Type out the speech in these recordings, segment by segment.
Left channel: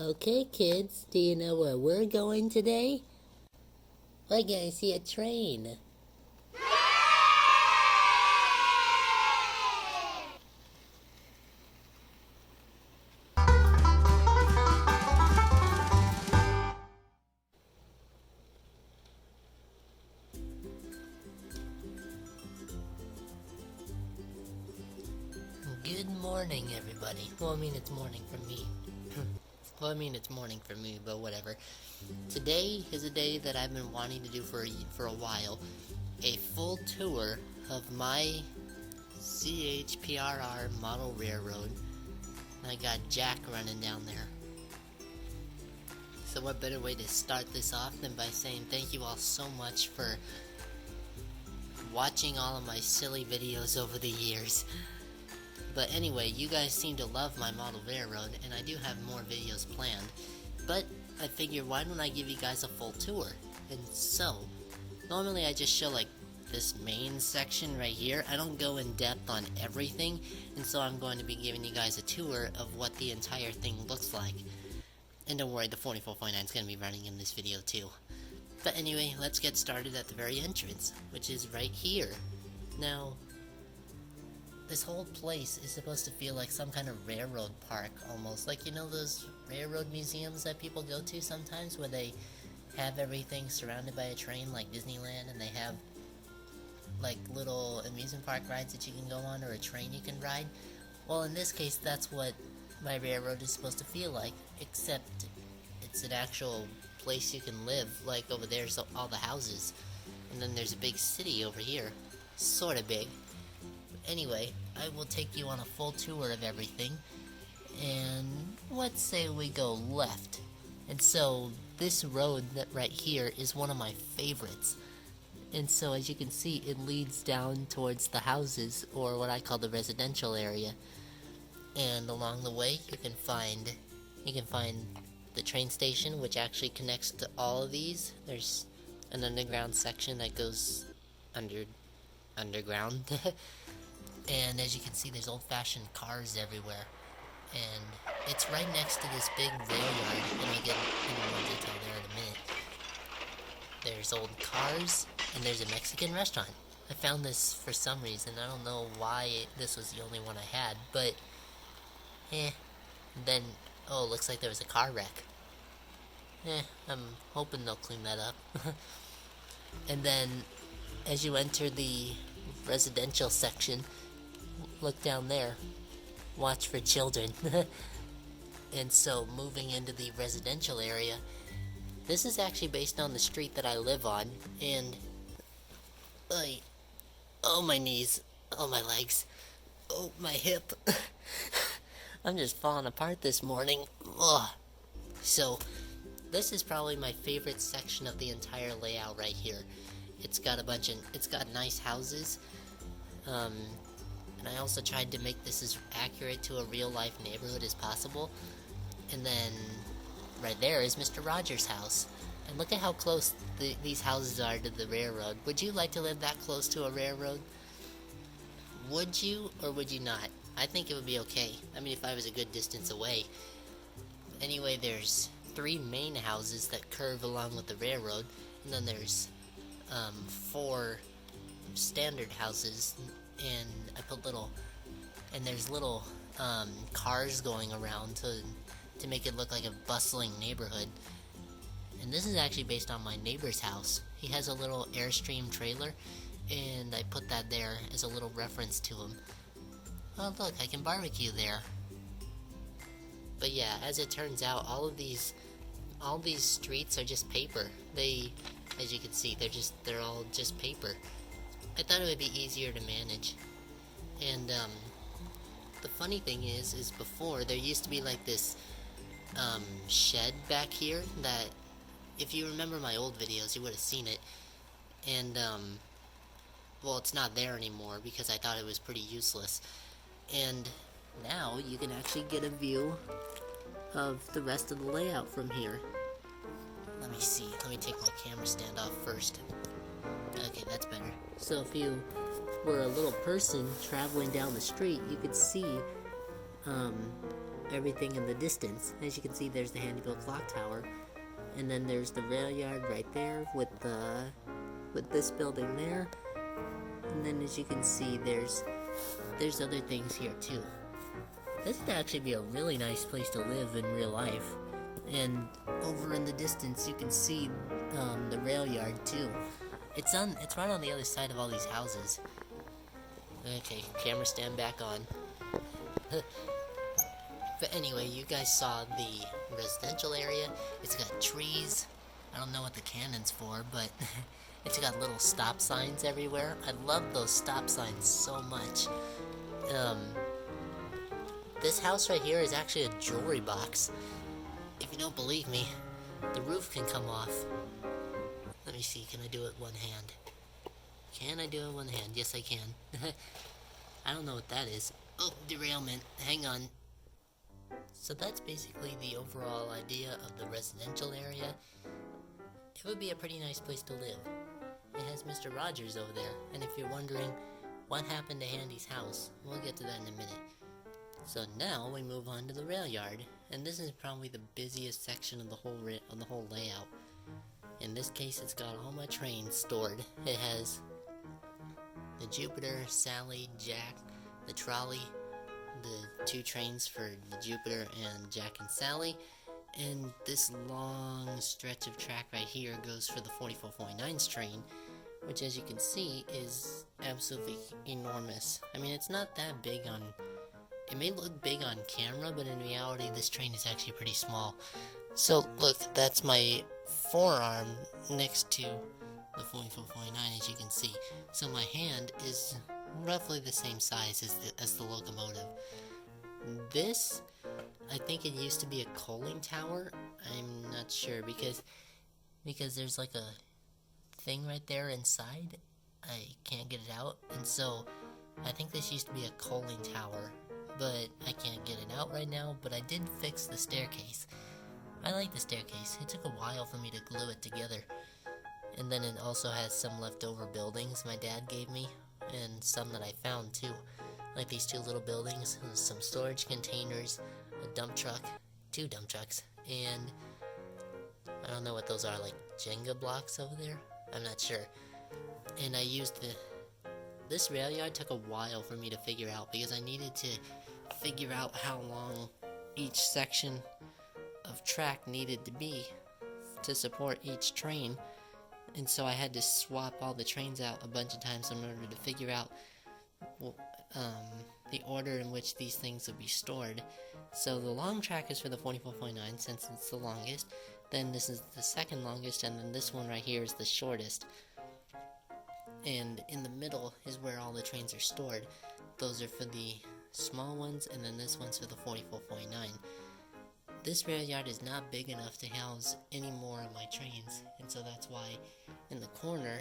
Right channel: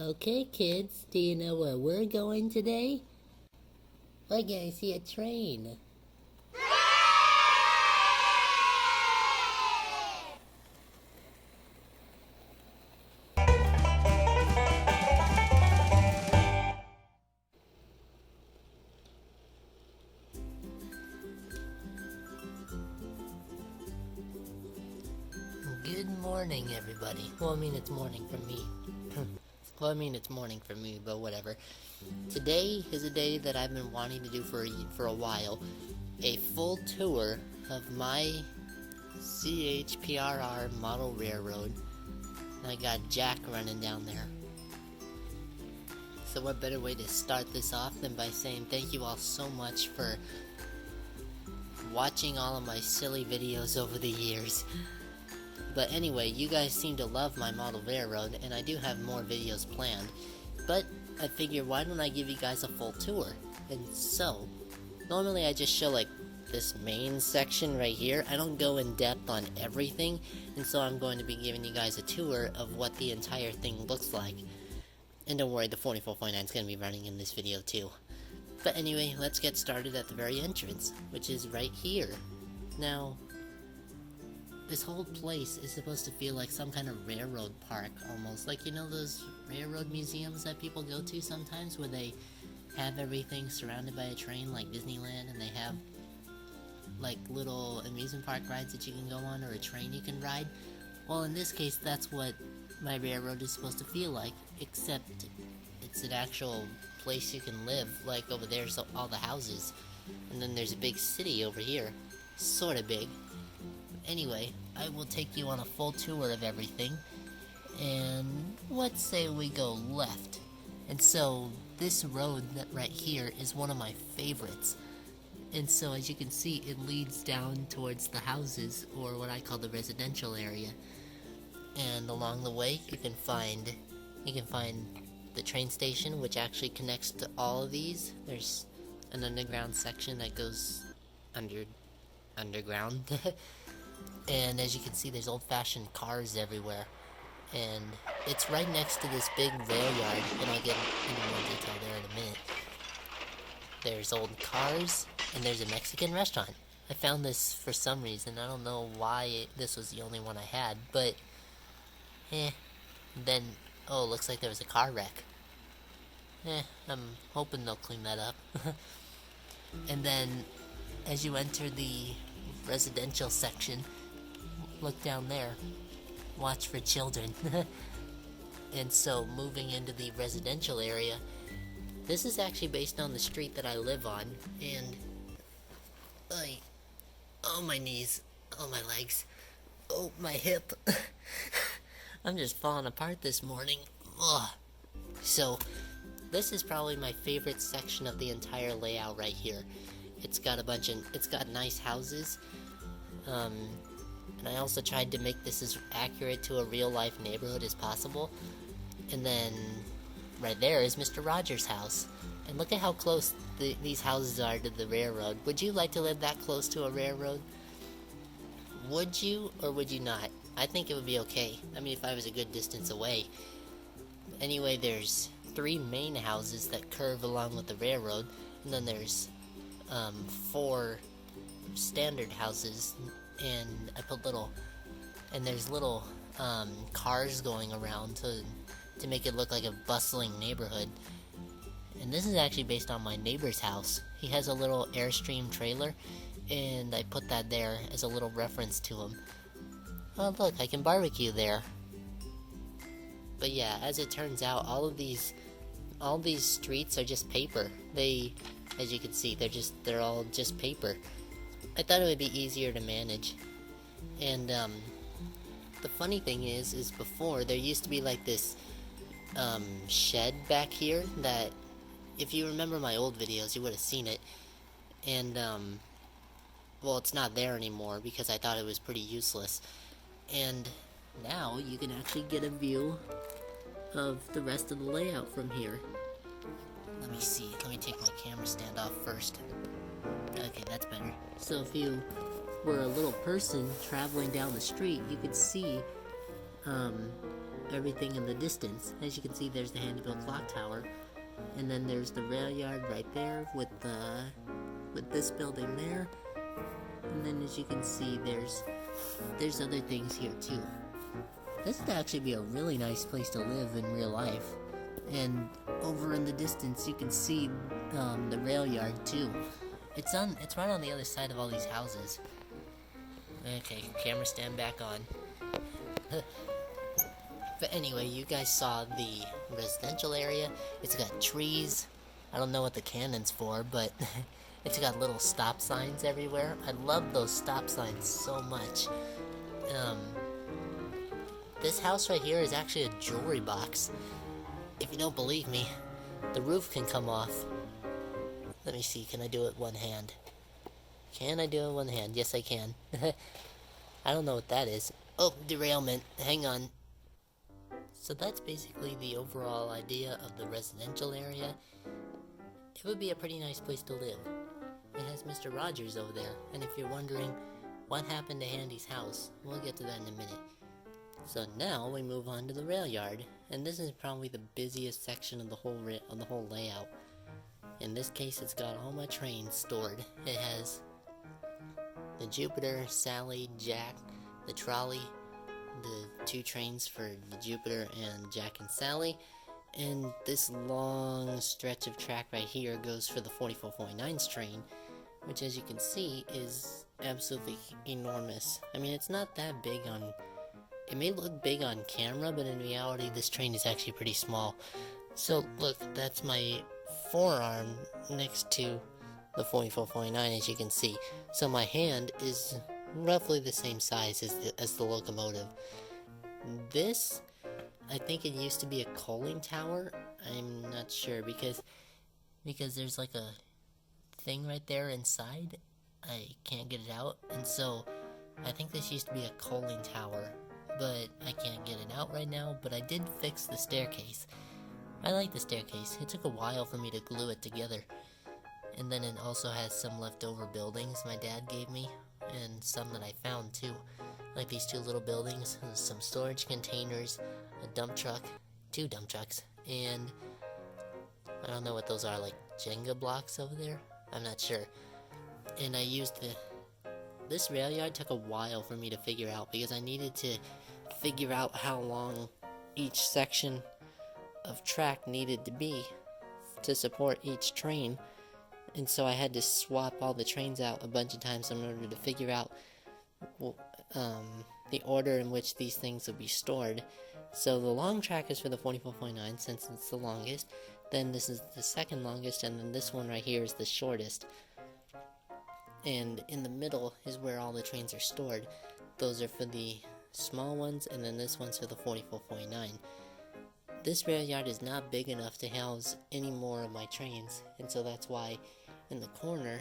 Okay, kids, do you know where we're going today? We're going to see a train. Good morning, everybody. Well, I mean, it's morning for me. It's morning for me, but whatever. Today is a day that I've been wanting to do for a while. A full tour of my C.H.P.R.R. model railroad. And I got Jack running down there. So what better way to start this off than by saying thank you all so much for watching all of my silly videos over the years. But anyway, you guys seem to love my model railroad, and I do have more videos planned. But I figure, why don't I give you guys a full tour? And so, normally I just show like this main section right here. I don't go in depth on everything, and so I'm going to be giving you guys a tour of what the entire thing looks like. And don't worry, the 4449 is going to be running in this video too. But anyway, let's get started at the very entrance, which is right here. Now, this whole place is supposed to feel like some kind of railroad park, almost. Like, you know those railroad museums that people go to sometimes, where they have everything surrounded by a train, like Disneyland, and they have, like, little amusement park rides that you can go on, or a train you can ride? Well, in this case, that's what my railroad is supposed to feel like, except it's an actual place you can live. Like, over there's all the houses, and then there's a big city over here. Sorta big. Anyway, I will take you on a full tour of everything, and let's say we go left. And so, this road that right here is one of my favorites. And so, as you can see, it leads down towards the houses, or what I call the residential area. And along the way, you can find the train station, which actually connects to all of these. There's an underground section that goes underground. And as you can see, there's old-fashioned cars everywhere. And it's right next to this big Railyard, and I'll get into more detail there in a minute. There's old cars, and there's a Mexican restaurant. I found this for some reason. I don't know why this was the only one I had, but then, oh, looks like there was a car wreck. I'm hoping they'll clean that up. And then, as you enter the residential section, look down there. Watch for children. And so, moving into the residential area, this is actually based on the street that I live on, and oh, my knees, oh, my legs, oh, my hip. I'm just falling apart this morning. Ugh. So, this is probably my favorite section of the entire layout right here. It's got nice houses, and I also tried to make this as accurate to a real-life neighborhood as possible. And then, right there is Mr. Rogers' house. And look at how close these houses are to the railroad. Would you like to live that close to a railroad? Would you, or would you not? I think it would be okay. I mean, if I was a good distance away. Anyway, there's 3 main houses that curve along with the railroad, and then there's 4 standard houses, and I put there's little cars going around to make it look like a bustling neighborhood. And this is actually based on my neighbor's house. He has a little Airstream trailer, and I put that there as a little reference to him. Oh, look, I can barbecue there. But yeah, as it turns out, all these streets are just paper. As you can see, they're all just paper. I thought it would be easier to manage. And the funny thing is before there used to be like this shed back here that, if you remember my old videos, you would have seen it. And well, it's not there anymore because I thought it was pretty useless. And now you can actually get a view of the rest of the layout from here. Let me see. Let me take my camera stand off first. Okay, that's better. So if you were a little person traveling down the street, you could see everything in the distance. As you can see, there's the Handieville clock tower, and then there's the Railyard right there with this building there, and then as you can see, there's other things here too. This would actually be a really nice place to live in real life. And over in the distance, you can see the Railyard too. It's right on the other side of all these houses. Okay, camera stand back on. But anyway, you guys saw the residential area. It's got trees. I don't know what the cannon's for, but it's got little stop signs everywhere. I love those stop signs so much. This house right here is actually a jewelry box. If you don't believe me, the roof can come off. Let me see, can I do it one hand? Can I do it one hand? Yes, I can. I don't know what that is. Oh, derailment. Hang on. So that's basically the overall idea of the residential area. It would be a pretty nice place to live. It has Mr. Rogers over there, and if you're wondering what happened to Handy's house, we'll get to that in a minute. So now we move on to the Railyard, and this is probably the busiest section of the whole layout. In this case, it's got all my trains stored. It has the Jupiter, Sally, Jack, the trolley, the 2 trains for the Jupiter and Jack and Sally, and this long stretch of track right here goes for the 4449's train, which as you can see is absolutely enormous. I mean, it's not that big on... It may look big on camera, but in reality this train is actually pretty small. So look, that's my forearm next to the 4449, as you can see. So my hand is roughly the same size as the locomotive. This, I think it used to be a coaling tower. I'm not sure because there's like a thing right there inside. I can't get it out, and so I think this used to be a coaling tower, but I can't get it out right now. But I did fix the staircase. I like the staircase. It took a while for me to glue it together. And then it also has some leftover buildings my dad gave me, and some that I found too. Like these 2 little buildings, some storage containers, a dump truck, 2 dump trucks, and I don't know what those are, like Jenga blocks over there? I'm not sure. And I used this Railyard took a while for me to figure out because I needed to figure out how long each section of track needed to be to support each train. And so I had to swap all the trains out a bunch of times in order to figure out the order in which these things would be stored. So the long track is for the 4449 since it's the longest. Then this is the second longest, and then this one right here is the shortest. And in the middle is where all the trains are stored. Those are for the small ones, and then this one's for the 4449. This Railyard is not big enough to house any more of my trains, and so that's why in the corner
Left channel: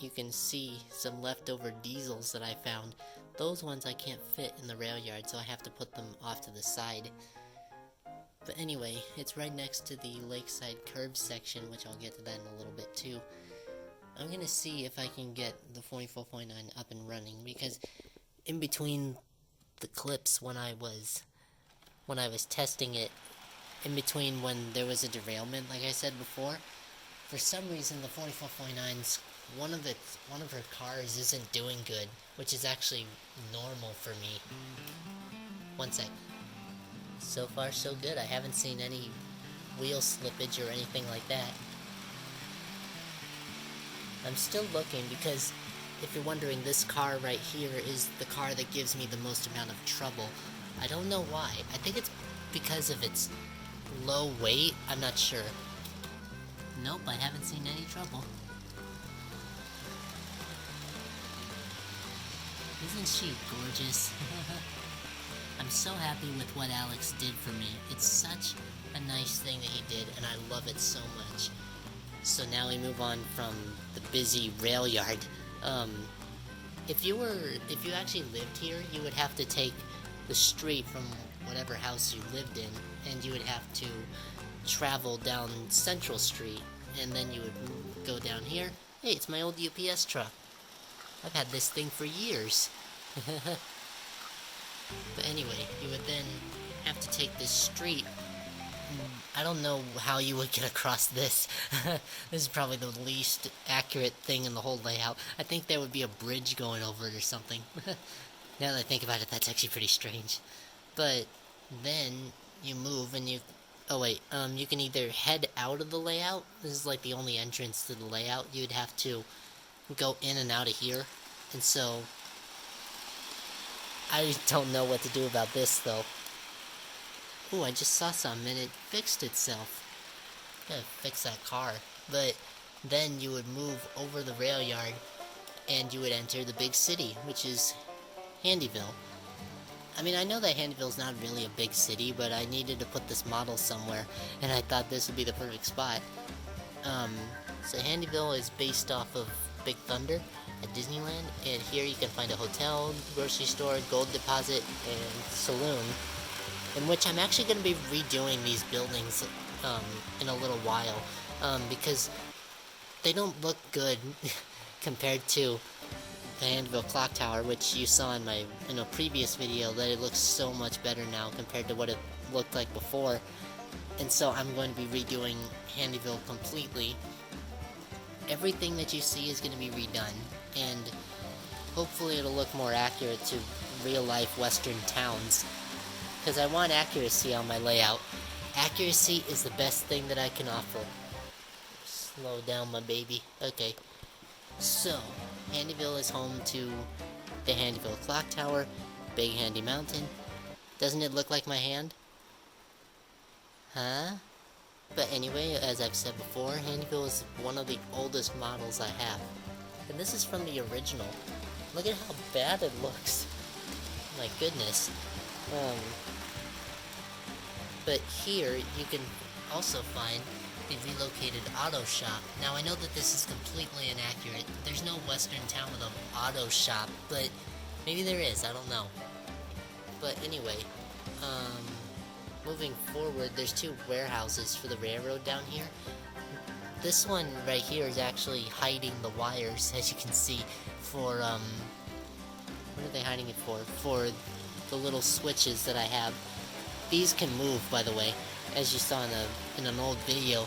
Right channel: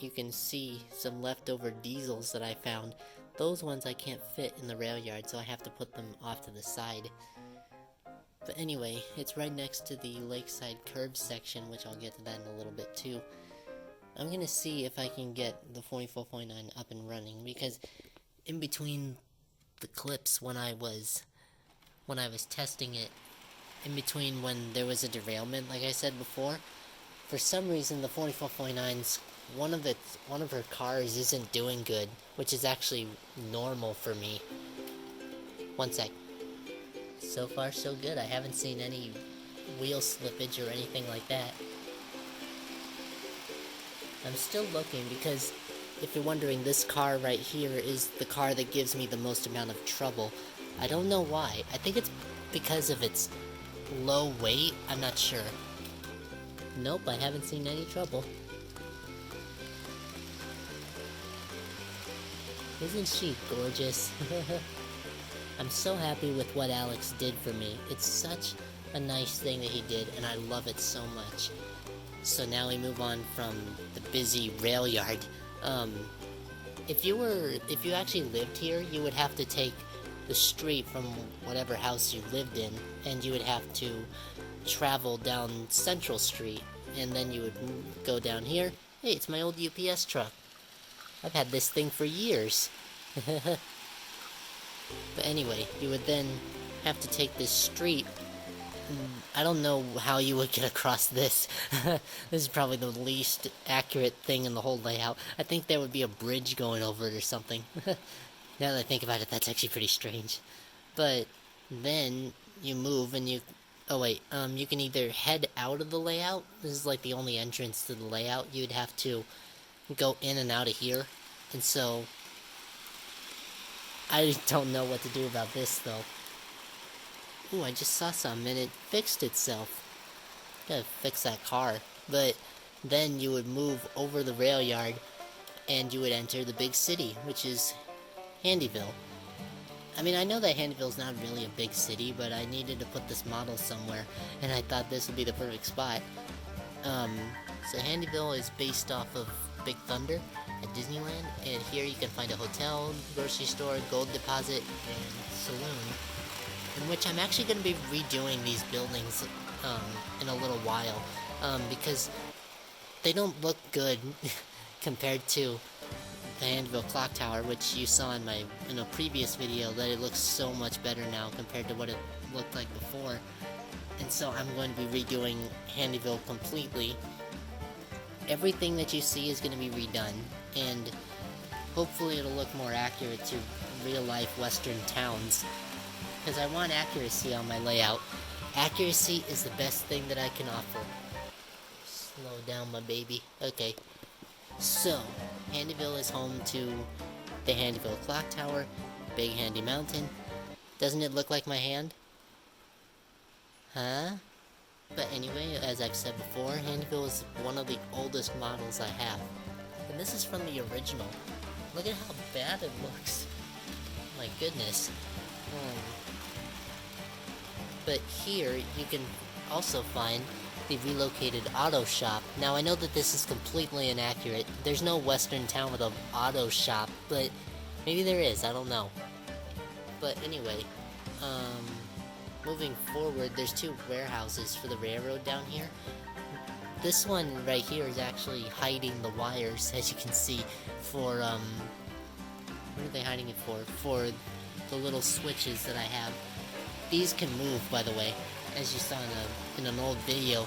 you can see some leftover diesels that I found. Those ones I can't fit in the Railyard, so I have to put them off to the side. But anyway, it's right next to the Lakeside curb section, which I'll get to that in a little bit too. I'm gonna see if I can get the 4449 up and running, because in between the clips when I was testing it, in between when there was a derailment, like I said before, for some reason the 4449's one of her cars isn't doing good, which is actually normal for me. One sec. So far so good. I haven't seen any wheel slippage or anything like that. I'm still looking because, if you're wondering, this car right here is the car that gives me the most amount of trouble. I don't know why. I think it's because of its low weight. I'm not sure. Nope, I haven't seen any trouble. Isn't she gorgeous? I'm so happy with what Alex did for me. It's such a nice thing that he did, and I love it so much. So now we move on from the busy Railyard. If you actually lived here, you would have to take the street from whatever house you lived in, and you would have to travel down Central Street, and then you would go down here. Hey, it's my old UPS truck. I've had this thing for years. But anyway, you would then have to take this street. I don't know how you would get across this. This is probably the least accurate thing in the whole layout. I think there would be a bridge going over it or something. Now that I think about it, that's actually pretty strange. But then you move and you... Oh wait, you can either head out of the layout. This is like the only entrance to the layout. You'd have to go in and out of here. And so... I don't know what to do about this though. Ooh, I just saw something and it fixed itself. Gotta fix that car. But then you would move over the Railyard and you would enter the big city, which is Handieville. I mean, I know that Handieville's not really a big city, but I needed to put this model somewhere, and I thought this would be the perfect spot. So Handieville is based off of Big Thunder at Disneyland, and here you can find a hotel, grocery store, gold deposit, and saloon, in which I'm actually going to be redoing these buildings in a little while, because they don't look good compared to the Handieville Clock Tower, which you saw in a previous video, that it looks so much better now compared to what it looked like before. And so I'm going to be redoing Handieville completely. Everything that you see is going to be redone, and hopefully it'll look more accurate to real-life western towns, because I want accuracy on my layout. Accuracy is the best thing that I can offer. Slow down, my baby. Okay. So, Handieville is home to the Handieville Clock Tower, Big Handy Mountain. Doesn't it look like my hand? Huh? But anyway, as I've said before, Handieville is one of the oldest models I have. And this is from the original. Look at how bad it looks. My goodness. But here, you can also find the relocated auto shop. Now, I know that this is completely inaccurate. There's no western town with an auto shop, but maybe there is, I don't know. But anyway, moving forward, there's two warehouses for the railroad down here. This one right here is actually hiding the wires, as you can see, for, what are they hiding it for? For the little switches that I have. These can move, by the way. As you saw in an old video,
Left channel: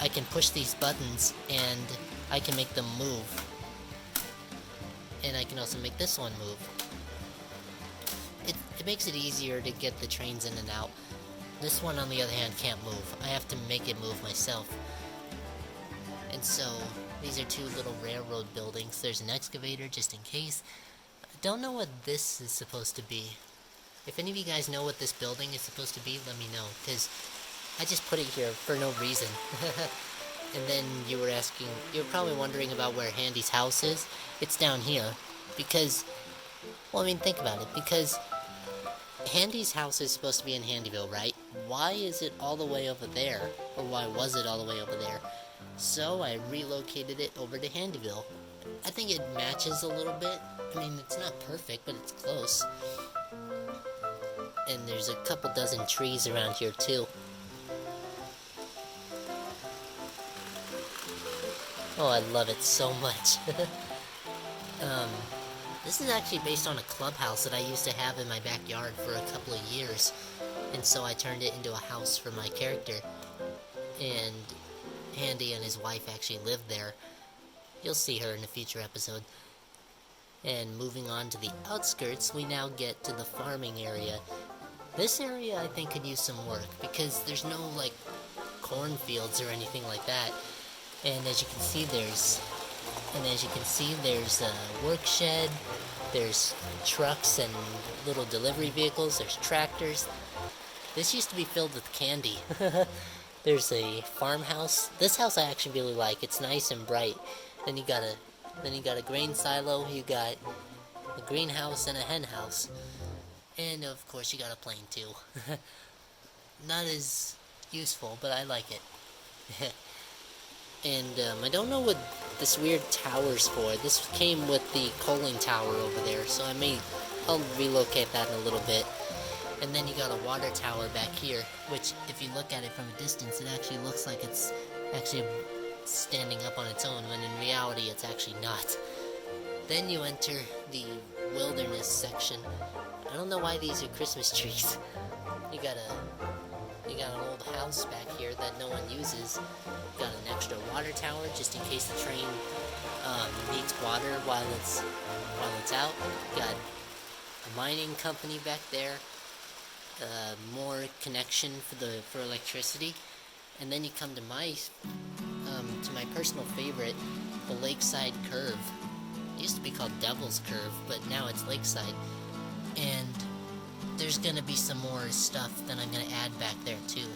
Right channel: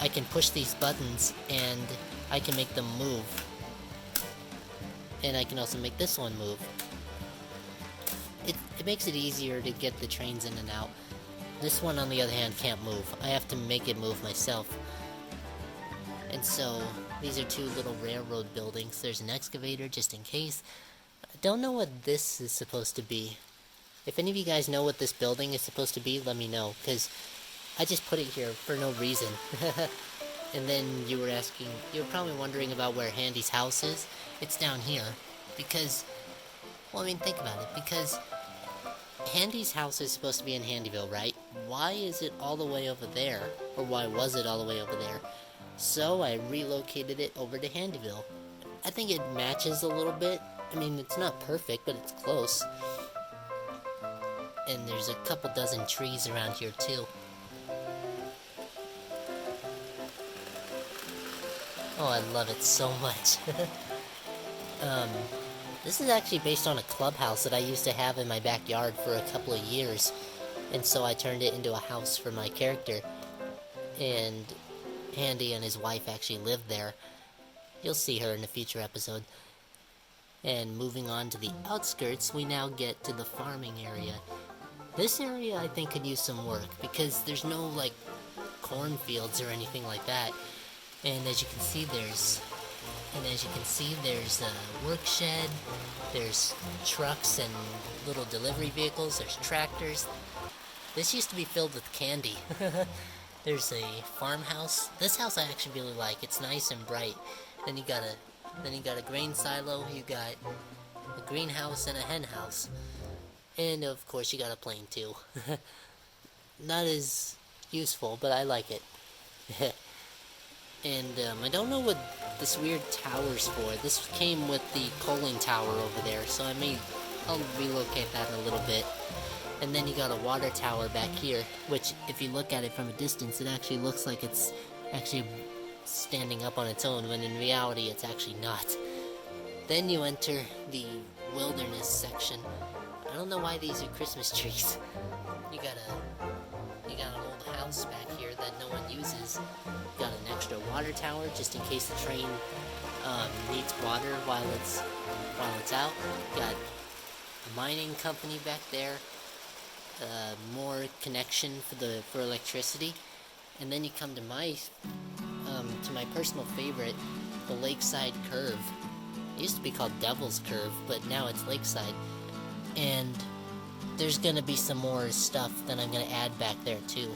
I can push these buttons and I can make them move. And I can also make this one move. It makes it easier to get the trains in and out. This one, on the other hand, can't move. I have to make it move myself. And so, these are two little railroad buildings. There's an excavator, just in case. I don't know what this is supposed to be. If any of you guys know what this building is supposed to be, let me know, because I just put it here for no reason. And then you were probably wondering about where Handy's house is. It's down here, because, well, I mean, think about it, because Handy's house is supposed to be in Handieville, right? Why is it all the way over there? Or why was it all the way over there? So I relocated it over to Handieville. I think it matches a little bit. I mean, it's not perfect, but it's close. And there's a couple dozen trees around here too. Oh, I love it so much. This is actually based on a clubhouse that I used to have in my backyard for a couple of years. And so I turned it into a house for my character. And Handy and his wife actually lived there. You'll see her in a future episode. And moving on to the outskirts, we now get to the farming area. This area, I think, could use some work, because there's no, like, cornfields or anything like that. And as you can see, there's a work shed, there's trucks and little delivery vehicles, there's tractors. This used to be filled with candy. There's a farmhouse. This house I actually really like. It's nice and bright. Then you got a grain silo, you got a greenhouse and a hen house. And of course you got a plane too. Not as useful, but I like it. And I don't know what this weird tower's for. This came with the coaling tower over there, so I'll relocate that in a little bit. And then you got a water tower back here, which if you look at it from a distance, it actually looks like it's actually standing up on its own, when in reality it's actually not. Then you enter the wilderness section. I don't know why these are Christmas trees. You got an old house back here that no one uses. You got an extra water tower just in case the train needs water while it's out. You got a mining company back there. More connection for electricity. And then you come to my personal favorite, the Lakeside Curve. It used to be called Devil's Curve, but now it's Lakeside. And there's gonna be some more stuff that I'm gonna add back there too.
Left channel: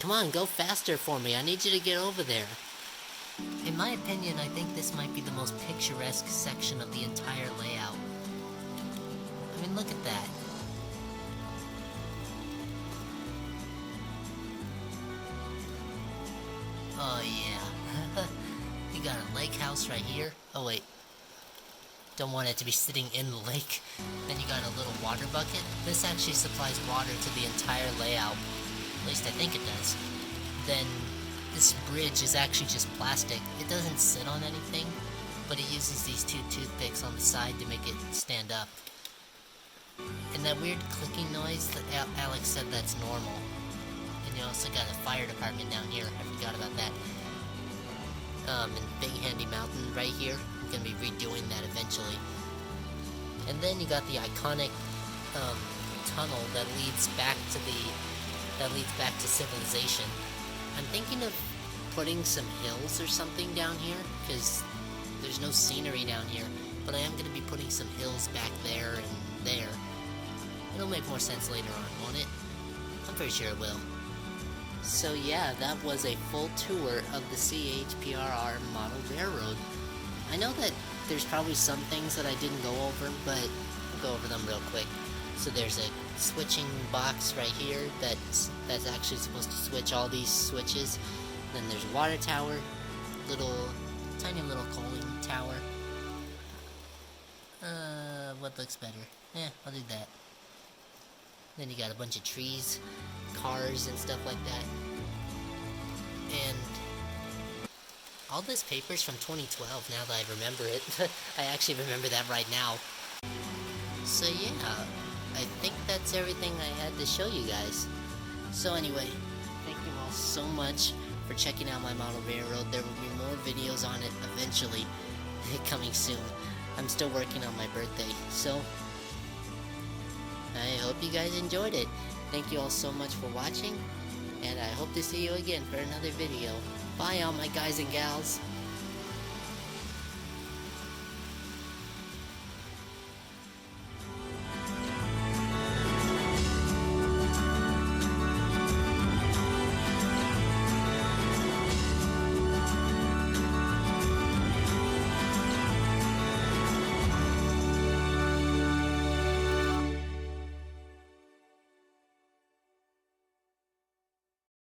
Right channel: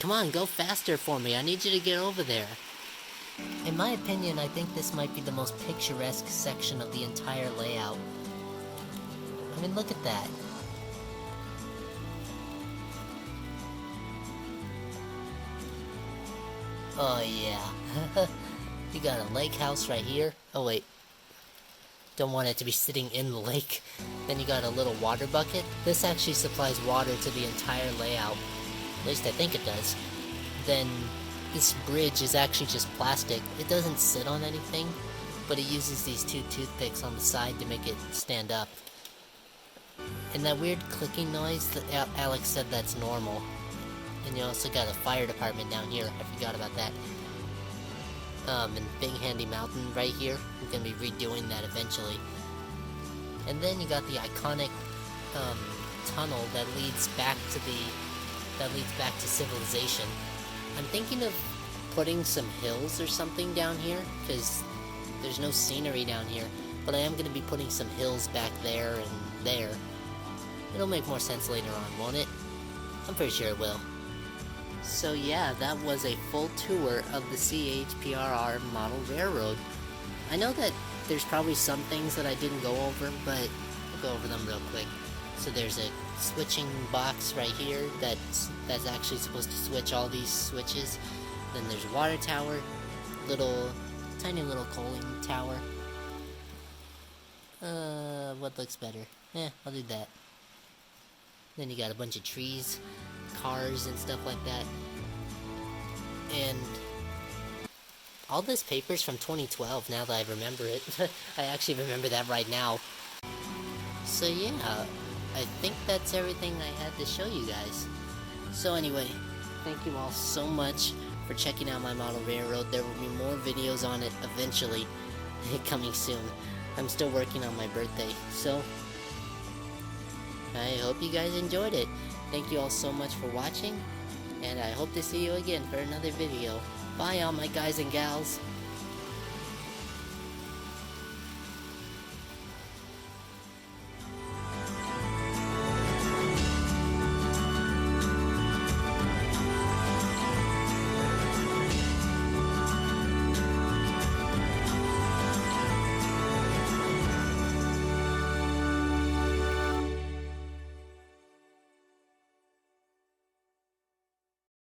Come on, go faster for me. I need you to get over there. In my opinion, I think this might be the most picturesque section of the entire layout. I mean, look at that. Oh yeah. You got a lake house right here. Oh wait. Don't want it to be sitting in the lake. Then you got a little water bucket. This actually supplies water to the entire layout. At least I think it does. Then this bridge is actually just plastic. It doesn't sit on anything, but it uses these two toothpicks on the side to make it stand up. And that weird clicking noise that Alex said that's normal. And you also got a fire department down here. I forgot about that. And Big Handy Mountain right here. I'm gonna be redoing that eventually. And then you got the iconic tunnel that leads back to civilization. I'm thinking of putting some hills or something down here, because there's no scenery down here. But I am gonna be putting some hills back there and there. It'll make more sense later on, won't it? I'm pretty sure it will. So yeah, that was a full tour of the C.H.P.R.R. model railroad. I know that there's probably some things that I didn't go over, but I'll go over them real quick. So there's a switching box right here that's actually supposed to switch all these switches. Then there's a water tower, tiny little coaling tower. What looks better? I'll do that. Then you got a bunch of trees, cars and stuff like that. And all this paper's from 2012 now that I remember it. I actually remember that right now. So yeah, I think that's everything I had to show you guys. So anyway, thank you all so much for checking out my model railroad. There will be more videos on it eventually, coming soon. I'm still working on my birthday, so I hope you guys enjoyed it. Thank you all so much for watching, and I hope to see you again for another video. Bye all my guys and gals.